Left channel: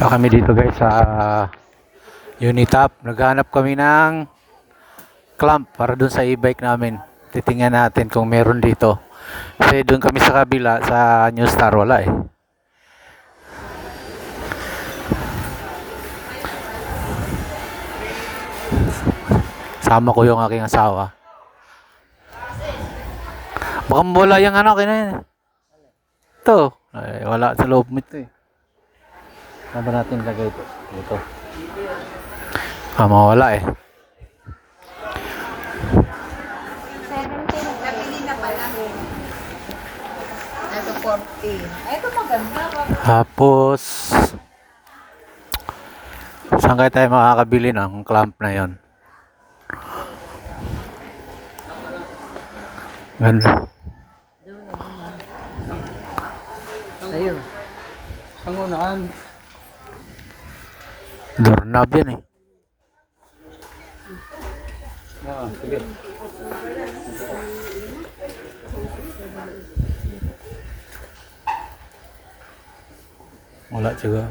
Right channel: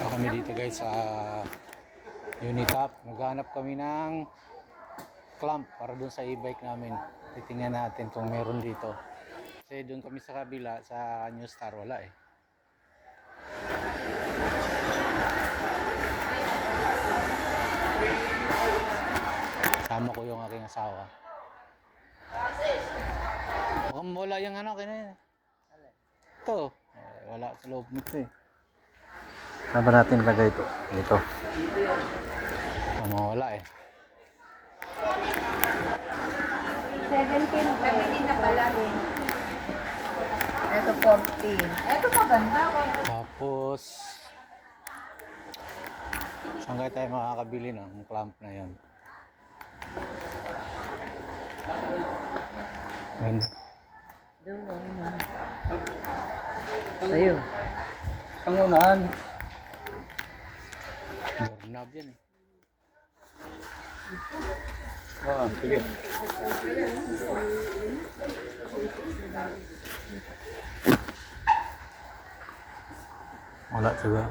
Ito kami dito guys sa Unitap. Naghanap kami ng clamp para dun sa e-bike namin. Titingnan natin kung meron dito. Kasi dun kami sa kabila sa New Star wala eh. Sama ko yung aking asawa. Baka wala yung ano kina Ito. Ay, wala sa loob mo ito eh. Saan ba natin lagay ito? Ito. Ah, mawala eh. 17. Nabili na pala eh. Ito 40. Ito maganda. Tapos, saan kaya tayo makakabili ng clamp na yon? Ganda. Ayun. Ang unahan. Doorknob yan eh. Ah, sige. Wala juga.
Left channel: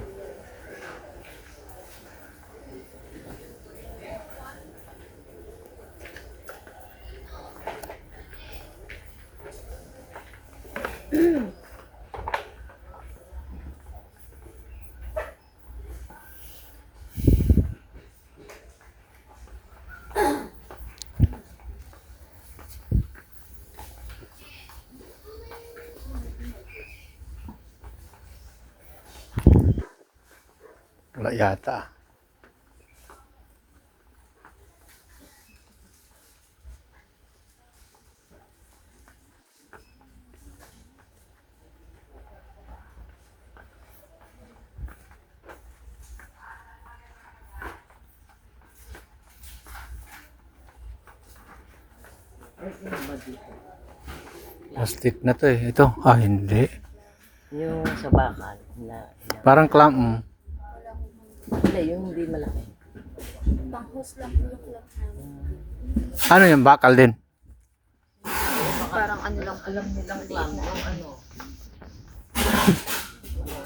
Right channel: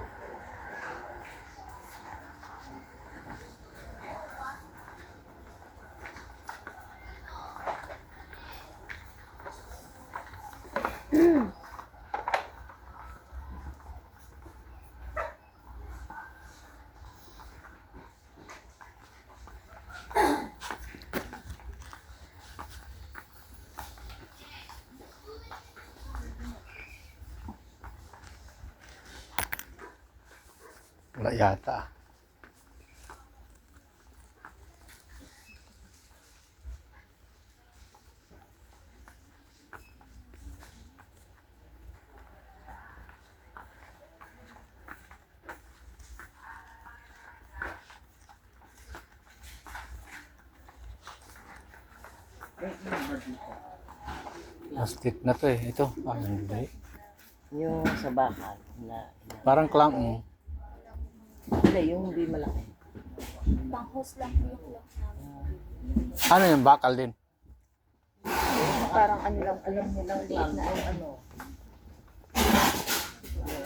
Wala yata. Plastic na to eh. Ito. Ah, hindi. Yung sa bakal. Na, na. Parang clamp. mm. Wala, yung hindi malaki. Panghus lang po yung club namin. Ano yung bakal din? Parang ano lang yung nilang liit na yung ano.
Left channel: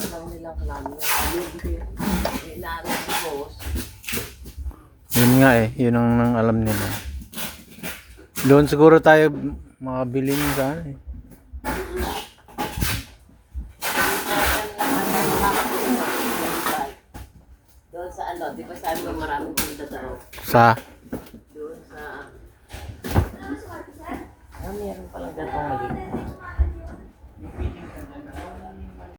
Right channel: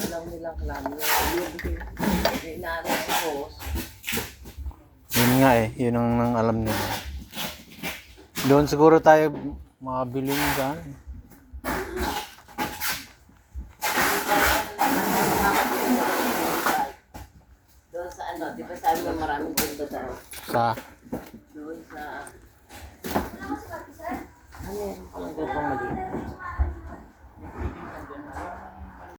Alam nilang klam. Yung inaanap si boss. Yun nga eh, yun ang, ang alam nila. Doon siguro tayo makabili mo sa ano eh. sa ano, di ba sabi mo maraming punta daw? Sa? Doon sa